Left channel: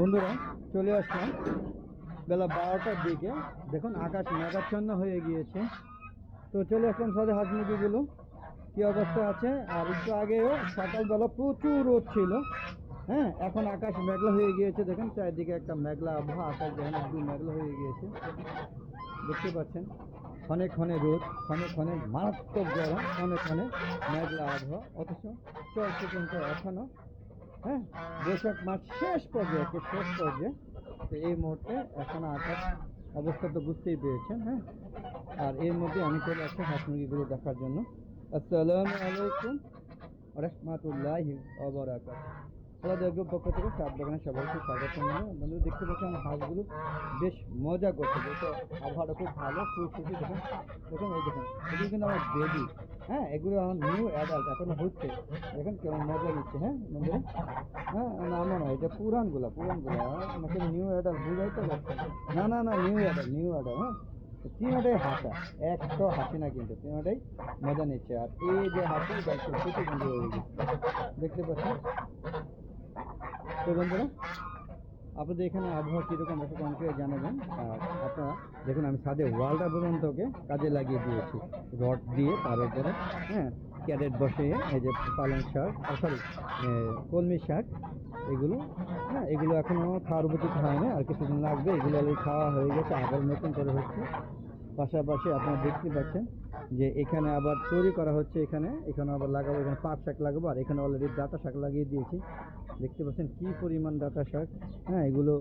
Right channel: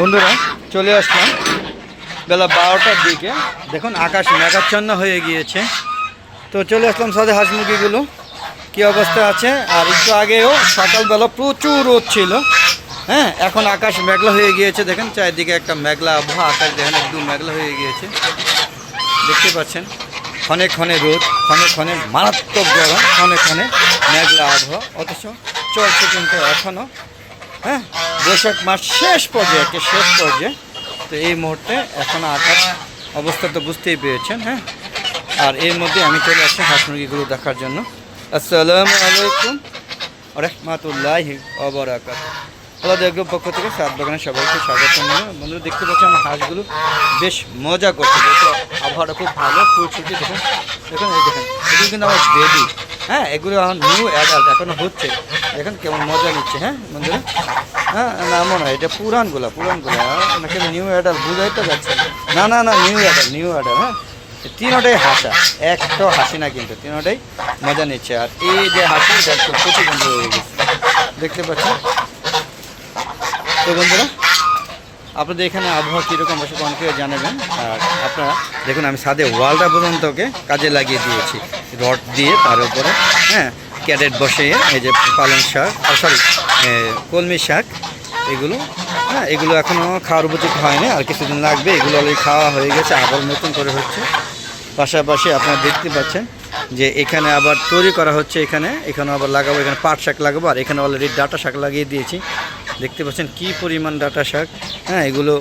বন্ধুরা চলে আসলাম বেলা 12টার দিকে। দেখুন আকাশ মেঘাচ্ছন্ন হয়ে গিয়েছে। তো চলে আসলাম সাথে হাঁস মুরগিগুলো কী অবস্থা আছে। আর একটু আগেও সকালবেলা প্রচুর রোদ ছিল। হ্যাঁ, এখন আকাশ মেঘলা হয়ে গিয়েছে। দেখেন চারিদিকে একটা মেঘলা আবহাওয়া, আকাশ দেখেন একদম মেঘলা হয়ে গিয়েছে। দেখতে পাচ্ছেন ক্ষণে ক্ষণে রোদ, ক্ষণে ক্ষণে মারাত্মক গরম, ক্ষণে ক্ষণে মেঘলা আবহাওয়া। অথচ চলছে কিন্তু এখনও। হ্যাঁ, বৈশাখ মাস শেষ পর্যায়ে, শেষ পর্যায়ে। তো এই মুহূর্তে এখন আকাশ অবস্থা তো বুঝতেই পেরেছেন। হ্যাঁ, আর এর মধ্যে আমি চলে আসছি হাঁস মুরগিগুলো দেখার জন্য। আসসালামু আলাইকুম রহমতুল্লাহি ওয়া বারাকাতুহু। আল্লাহ দেখব পক্ষ থেকে সাত বাগানে সবাইকে স্বাগত জানাই। বন্ধুরা দেখতে পাচ্ছি আমার হাঁসগুলো বেশ মজা করছে, যেহেতু আবহাওয়াটা খুব ভালো। ফুল ছুটি দেখুন, দেখুন এই দেখেন, এগুলো কিন্তু আমার বেবি। হ্যাঁ, এগুলো এখন নিউ অ্যাডাল্ট, এখনও হচ্ছে। দেখেন কেমন মজা নিচ্ছে। হ্যাঁ বন্ধুরা, হ্যাঁ না মনে হয় এটা পুরানগুলা নাকি নিউ অ্যাডাল্ট বুঝাই তো যাচ্ছে না। না না নিউ অ্যাডাল্ট। হ্যাঁ, তিনোটাই হাসা, একটাও হাসি না, কিন্তু তিনোটাই মজা নিচ্ছে। আর এই যে হাসি প্রতিবন্ধ হয়ে গেছে, দেখতে পাচ্ছেন। তো বন্ধুরা আপনাদের এখানে আবহাওয়া কীরকম বসে অনেকে জানাবেন। আর আপনারা দেখুন আমি ছাদে ওয়ালটা পর্যন্তকে কাজে লাগিয়ে দিয়েছি রড দিয়ে, তার উপরে হ্যাঁ ক্যারেট বসে এই যে পালং শাক, সরি কলমি শাক, এগুলো হ্যাঁ এগুলো এখনও খাওয়ার উপযুক্ত হয়নি, আর কিছুদিন লাগবে। এগুলো অলরেডি খাওয়া হয়ে গেছে, আবার নতুন করে হচ্ছে। পাশাপাশি আপনারা দেখতে পাচ্ছেন যে এখানে আবার তৈরি করা হচ্ছে। এখানে আবার লাগাবো, এখানে পাট শাক লাগাবো। আর এখানে অলরেডি ডাঁটা শাক লাগিয়ে দিয়েছি। দেখতে পাচ্ছেন কী পরিমাণ ডাঁটা শাক। হ্যাঁ, এগুলো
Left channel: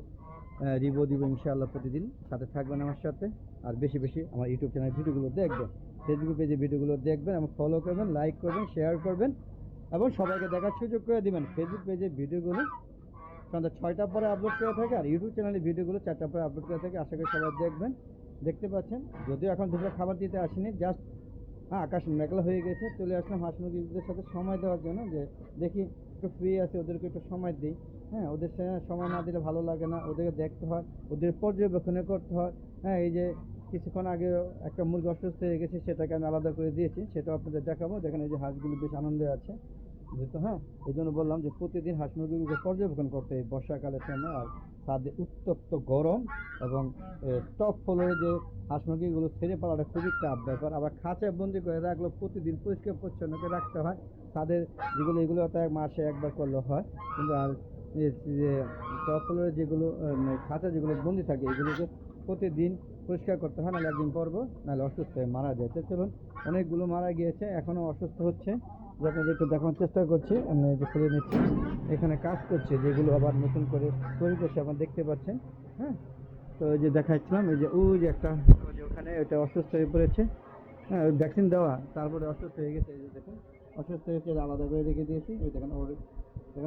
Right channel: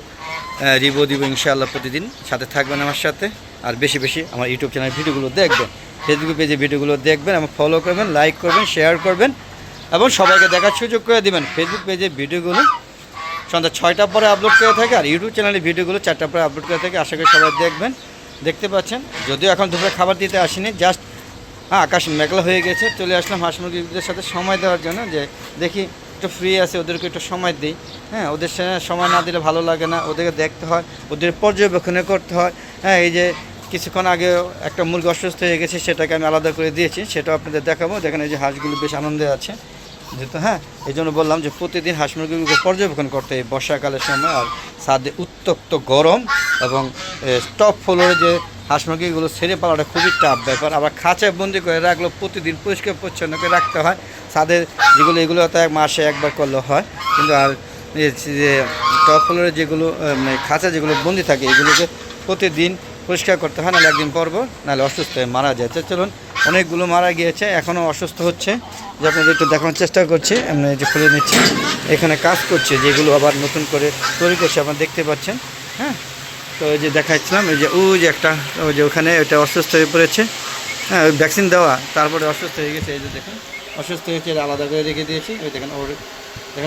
দিব ইনশাআল্লাহ। প্রতিদিন সাথে থাকবেন আমার সাথে, আর বেশি বেশি আমার ইউটিউব চ্যানেল ভিডিওগুলো দেখবেন, ফেসবুক পেজে ভিডিওগুলো দেখবেন এবং ফলো করবেন, লাইক করবেন, শেয়ার করবেন এবং সবাইকে দেখার সুযোগ করে দেবেন। ফেসবুক পেজে ভিডিওগুলো সন্ধ্যা 6টার পরে আপলোড করে থাকে, আর ইউটিউব চ্যানেলের ভিডিওগুলো 4টার পরে আপলোড করে থাকে। আশা করি সবাই দেখবেন। দেখতে পাচ্ছেন যদিও এখন দুপুরে খাবার দিতে আসিনি, জাস্ট হ্যাঁ আকাশ মেঘলা হয়ে গেছে। চলে আসলাম হাঁস মুরগিদের সাথে সময় দেওয়ার জন্য, যে দেখি একটু ফ্রি আছে, ওদেরকে একটু সময় দিই। হ্যাঁ, ওদের সাথে সময় না দিলে ভালো লাগে না, ওদেরকে দেখতে হয়, ওদের পর্যবেক্ষণে করতে হয়। হ্যাঁ, এই যে কিছুক্ষণ আগে একটা মুরগি অসুস্থ হয়ে গেছে, সেটাকে আমি আলাদা করে দিয়েছি, সেটাও আপনাদের দেখাবো। দেখেন এই যে হাঁসগুলো বেশ আনন্দে আছে যেহেতু। হ্যাঁ, এই জন্য বললাম যে প্রতিদিন হাঁস মুরগিগুলোকে পর্যবেক্ষণ করতে এই বর্ষাকালের সময়। আর ছাদে উত্তপ্ত গরম এবং টপ ফ্লোরে যে হাঁস মুরগিগুলো ছেড়ে পালাটা খুবই টাফ ব্যাপার। আবার খাঁচায় বন্দি করে রাখলেও প্রতিদিন পরিষ্কার পরিচ্ছন্ন করে রাখতে হয়। ছাদের এগুলো তো মাসে একবার করলে হয়, কিন্তু আর যে টপ ফ্লোরে যেগুলো খাঁচা যেগুলো বন্দি থাকে, এগুলোকে প্রতিদিন পরিষ্কার করতে হয়, নাহলে একদিন পর নাহলে অসুস্থ হয়ে মারা যায়। চলুন, অনেকগুলো মারা গিয়েছে, এখনও অসুস্থ হচ্ছে, যে আপনাদের একটু দেখানোর চেষ্টা করছি। আমি যে খুলে নিচ্ছি, এখানে কাজ করছে, যেগুলো আবার নতুন করে তৈরি করছে, আপনারা দেখতে পাচ্ছেন। হ্যাঁ, তো এই যে দেখাচ্ছিলাম, এই যে ওই যে একটা, ওই যে ওখানে এটা অসুস্থ হয়ে পড়েছে। হ্যাঁ, ওই ভ্যাকসিন দেওয়া, তারপরে অসুস্থ হয়ে গেছে। এই যে দেখুন অসুস্থ হয়েছে, এটা আলাদা করে রেখে দিয়েছি। ওই দেখেন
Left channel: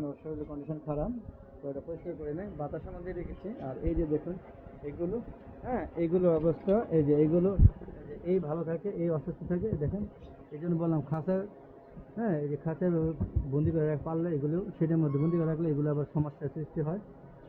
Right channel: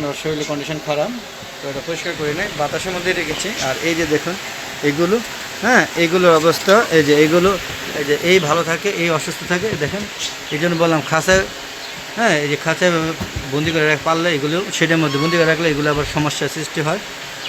ওর শরীরের কন্ডিশন খারাপ, তো এটা পরিষ্কার করে নেই, বাতাসের মধ্যে রেখেছি। আর এই যে দেখুন এগুলো, হ্যাঁ এগুলোর অবস্থা, এই যে এইগুলো, এই যে এই ভালো থাকে, এই অসুস্থ থাকে। দেখেন এই জন্য বললাম খাঁচায়, হ্যাঁ এই যে খাঁচায় বন্দি করে পারলে, এগুলো সেটার মধ্যে বন্দি করে রাখলে এগুলো আবার সমস্যার সৃষ্টি হয়।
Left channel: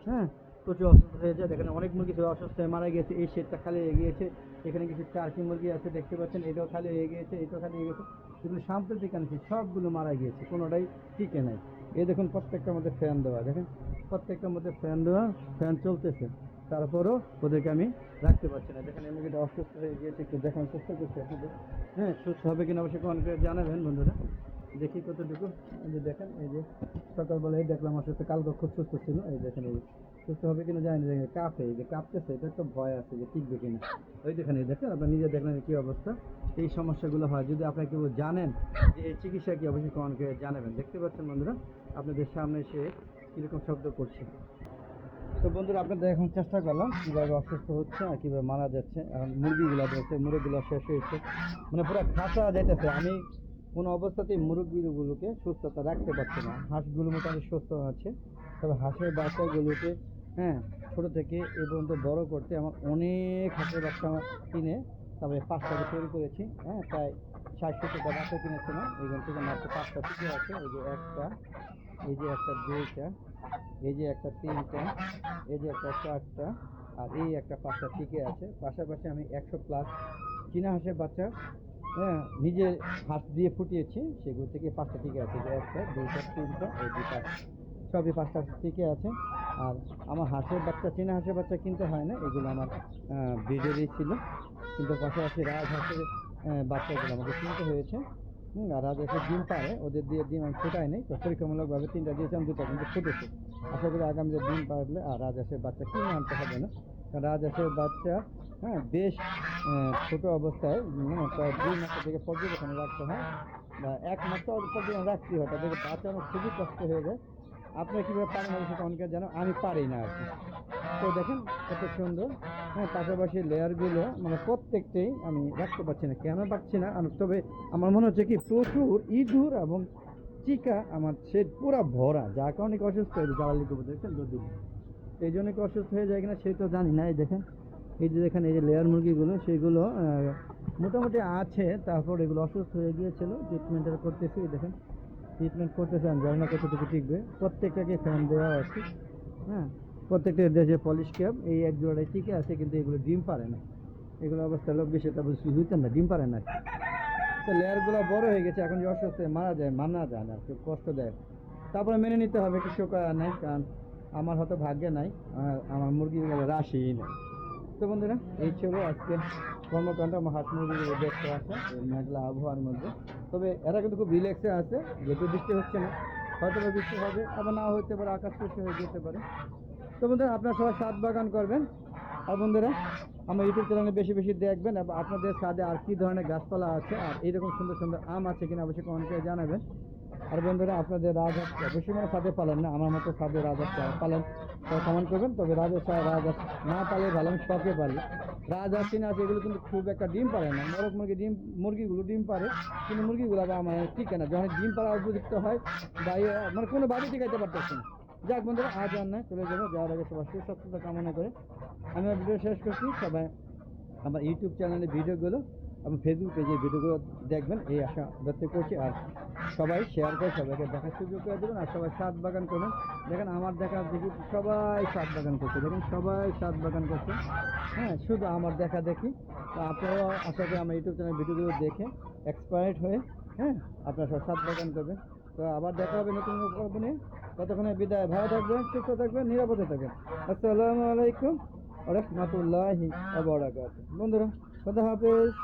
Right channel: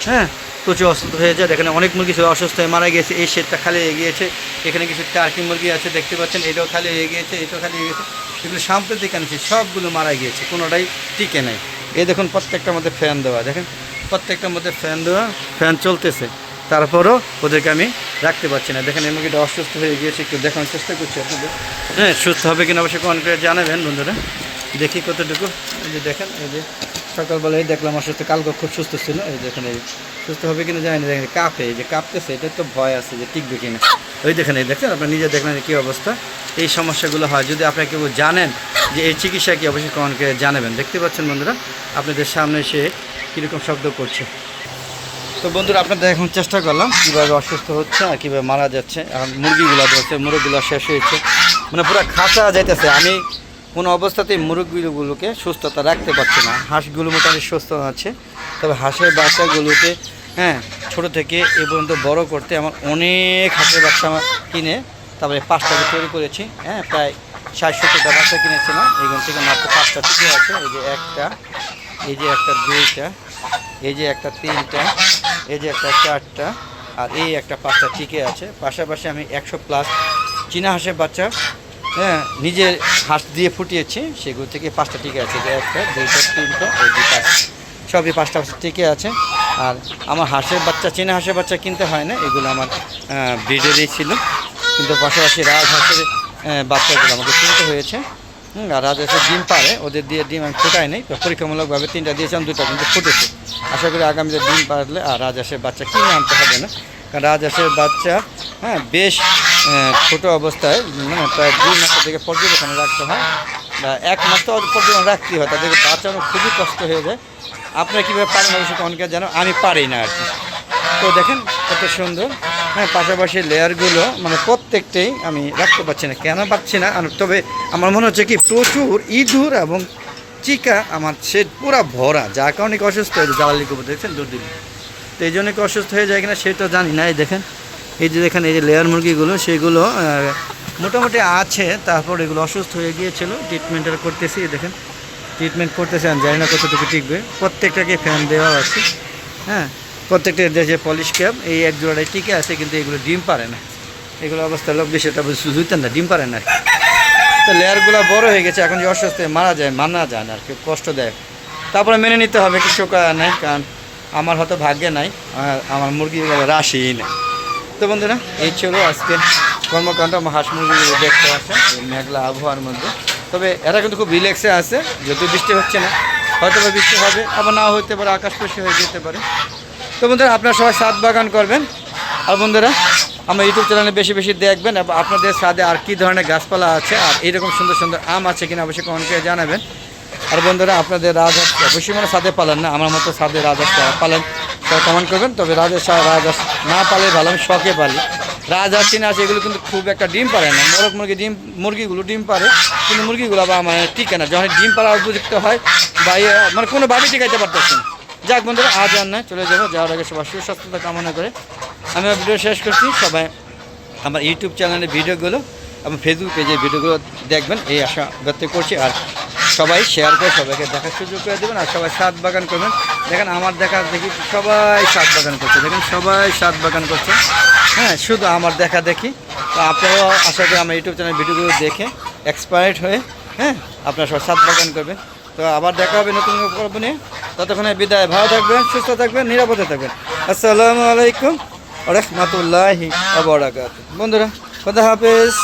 হ্যাঁ, প্রচুর অসুস্থ হয়ে যায়। এখানে অনেক মুরগি ছিল অসুস্থ হয়ে মারা গিয়েছে। এই শেডটা খালি হয়ে গিয়েছে, এখানে কিছু টার্কি মুরগি আছে দেখতে পাচ্ছেন, এটাও খালি হয়ে গিয়েছে, এটাও খালি হয়ে গেছে। এগুলো সাম্প্রতিক আনছি, সবগুলো মারা গিয়েছে, কোনোটাই টিকে নেই। এই দেখুন প্রত্যেকটার মধ্যে ফ্যান দেওয়া, দেখেন প্রত্যেকটার মধ্যে ফ্যান দেওয়া, ফ্যান চলতেছে, তারপরও ওদেরকে আমি রাখতে পারছি না। দেখেন এই মুরগিটা অসুস্থ হয়ে গিয়েছে, একটু দেখানোর চেষ্টা করছি আপনাদের। হ্যাঁ, সুস্থ হবে কিনা অবশ্যই কমেন্ট করে জানাবেন বন্ধুরা, দেখি কতটুকু। এই যে দেখেন, এই যে সকালবেলায় দেখলাম অসুস্থ, কালকে খুব সুস্থ ছিল। এই দেখেন এই সুস্থ হবে কিনা জানি না, দেখেন কাঁপে, এই যে কাঁপতেছে, এটা তো ভয় আছে যে টিকবে কিনা। ওই দেখেন, এই দেখেন আপনার নিজে দেখলেন কী অবস্থা। এই সমস্যাগুলো হয়, যদি আপনারা কেউ জানেন যে এই চিকিৎসা কি, অবশ্যই কমেন্ট করে জানাবেন। দেখতে পাচ্ছেন বন্ধুরা আপনাদের সামনে সে কীরকম শব্দ করছে। তো বন্ধুরা আপনাদের এখন চেষ্টা করলাম কীভাবে অসুস্থ হচ্ছে আর কীভাবে মারা যাচ্ছে। এখন মুরগিগুলো ধরছে, মুরগিগুলো শেষ হয়েছে, মানে পুরো খাঁচা যাইতেছে। আমি কোনো অবস্থাতেই মুরগিগুলোকে সুস্থতা রাখতে পারছি না। হাঁসগুলো মোটামুটি সুস্থ আছে, তবে হাঁসের বাচ্চাগুলোকে হ্যাঁ ছোটো থেকে এ পর্যন্ত বড়ো করতে আমার অনেক হাঁসের বাচ্চা আমার কিনে, তারপরে 5টাকে তৈরি করেছি। হ্যাঁ, প্রায় 60-70টা বাচ্চা কিনেছিলাম, এখান থেকে মাত্র 5টা টিকে আছে। এই যে একটা, এই যে একটা, 2টা, এই যে একটা, 3টা, এই যে একটা, 4টা, আর এই একটা 5টা টিকে আছে। পাশাপাশি আমি 100+ চীনা হাঁসের বাচ্চা হ্যাঁ নিজের হাঁস দিয়ে ফুটিয়েছি, সেগুলো থেকে 5টা টিকে আছে। যে একটা, 2টা, 3টা, এই 2টা, সবই 5টা টিকে আছে। আর আমার হাঁসের বাচ্চা, চীনা হাঁসের বাচ্চা কিনতে হয় না, এগুলো আমার ব্রিডেরই ছিল, কিন্তু পাশাপাশি রাজহাঁসের বাচ্চাগুলো আমাকে কিনতে হয়েছে। আর রাজহাঁসের ডিম পারে, ওদের দিয়ে ডিম আমি ফোটাই নেই, তো পরীক্ষামূলকভাবে 3টা দিয়েছিলাম, 2টা কিন্তু ফুটেছে। আশা করি আগামীতে ডিম পারলে আর রাজহাঁসের বাচ্চা কিনে আনতে হবে না, কারণ রাজহাঁসের বাচ্চা বেশ ছোটো অবস্থায় মানে প্রায় 2 মাসের দিকে পর্যবেক্ষণে রাখতে হয়, বা 1 মাস তো পর্যবেক্ষণ রাখতেই হয়, তাদেরকে বাঁচানো খুবই কষ্ট হয়ে যায়। আপনারা কীভাবে পারেন অবশ্যই অনেকে জানো, আমি পারি না আর কি। তো দেখেন কত সুন্দর, পাশাপাশি লেয়ারগুলো মানে প্রত্যেকটাই আমি রাখতে পারছি না, কেন পারছি না, তবে আমার মনে হচ্ছে কি প্রচুর ইঁদুর এবং চিকা আমার সেট পুরো ভরা, যার কারণে অসুস্থ হয়ে যায়। জ্বালালি কবুতর দেখছেন দুধ দিল, তো এই জন্য কি অসুস্থ হয়ে যায় কিনা সেটা জানি না। এই দেখেন, এই যে দেখেন, এই যে লেয়ার মুরগিগুলো সেগুলো মোটামুটি আছে, তারপর এগুলো অসুস্থ হয়ে গিয়েছিল, ট্রিটমেন্টটা করতেছি। দেখেন ট্রিটমেন্ট করতেছে, আমি জানি না কতটুকু টিকবে। প্রত্যেকটাকে ফ্যান দেওয়া আছে, প্রত্যেকটা দেশে পলিশ ক্যাপ, এই এক জোড়াটাই টিকে আছে, কিন্তু এগুলো ডিম পারে না। এগুলো অবস্থা লোক বেশি এটা বুঝতেন না, ডিম পারে না। তো লেয়ারগুলো বড় হয়ে গেছে, এখন যে অসুস্থ মানা যায় না আর কি, কষ্ট দেয়। তারপরে মেনে নিতে হবে, কিছু করার নাই, কারণ আমার হয়তো ভাগ্যে নাই, আমার মুরগিগুলো রাশিই নেই। তো বন্ধুরা, এই ছিল আজকে কর্মকাণ্ড। আমার হাঁস মুরগিগুলো দেখতে আছে মেঘলা আবহাওয়ার মধ্যে, তবে এরা কিন্তু খুব রিল্যাক্সে আছে, যদিও বৃষ্টি হচ্ছে না, হয়তো বা বৃষ্টি হবে, আবার নাও হতে পারে, আকাশ পরিষ্কার হয়ে যেতে পারে। তো বন্ধুরা, আপনারা সবাই ছাদ বাগান করবেন, আর বন্ধুরা আমার ইউটিউব চ্যানেলে বেশি বেশি দেখবেন, এবং আপনাদের ছাদে আর কী ধরনের গাছপালা আছে আর এইরকম সুন্দর সুন্দর আম আছে কিনা অবশ্যই কমেন্ট করে জানাবেন। আর বন্ধুরা, আপনাদের রাজহাঁস অবশ্যই মানে ছাদে পালেন না, আমার মতো ছাদে রাজহাঁস পালেন, তারা কমেন্ট করবেন। তবে রাজহাঁস না পালে ভালো, আমি শখে পালি। রাজহাঁস চীনা আছে, এগুলো কিন্তু খুব একটা ডিম পারে না। মোরগ মুরগিগুলো ডিম পারে, কিন্তু মুরগিগুলো আবার মানে টিকে না, যখন ডিম পাড়া উপযুক্ত হয় বা মানে কোনোভাবেই টিকাইতে পারতেছে না। যাক বন্ধুরা, আজ আর নয়, চলে যাবো, যাওয়ার আগে সবার সুস্বাস্থ্যতা কামনা করে আমি ভিডিও শেষ করছি। সবাই আমার ইউটিউব চ্যানেলের ভিডিওগুলো এবং ফেসবুক পেজের ভিডিওগুলো দেখবেন, এই আশা ব্যক্ত করছি। আর সবাই শেয়ার করে সবাইকে দেখার সুযোগ করে দেবেন, আর সবাই ছাদ বাগান করবেন। দেখেন আমার দেখা দেখি সবাই ছাদ বাগান করছে, দেখেন সবাই ছাদ বাগান করছে, শুধু আমার দেখা দেখি। তো আপনারাও আশা করি আমার ইউটিউব চ্যানেলের ভিডিওগুলো দেখে এক্সপায়ার্ড হয়ে আপনারা সবাই ছাদ বাগান করবেন। তো আবার দেখা হবে নতুন পর্ব নিয়ে, ততক্ষণে বিদায়, ভালো থাকবেন, সুস্থ থাকবেন, নিরাপদে থাকবেন। আসসালামু আলাইকুম ওয়া রাহমাতুল্লাহি ওয়া বারাকাতুহু। বন্ধুরা, খোদা হাফেজ।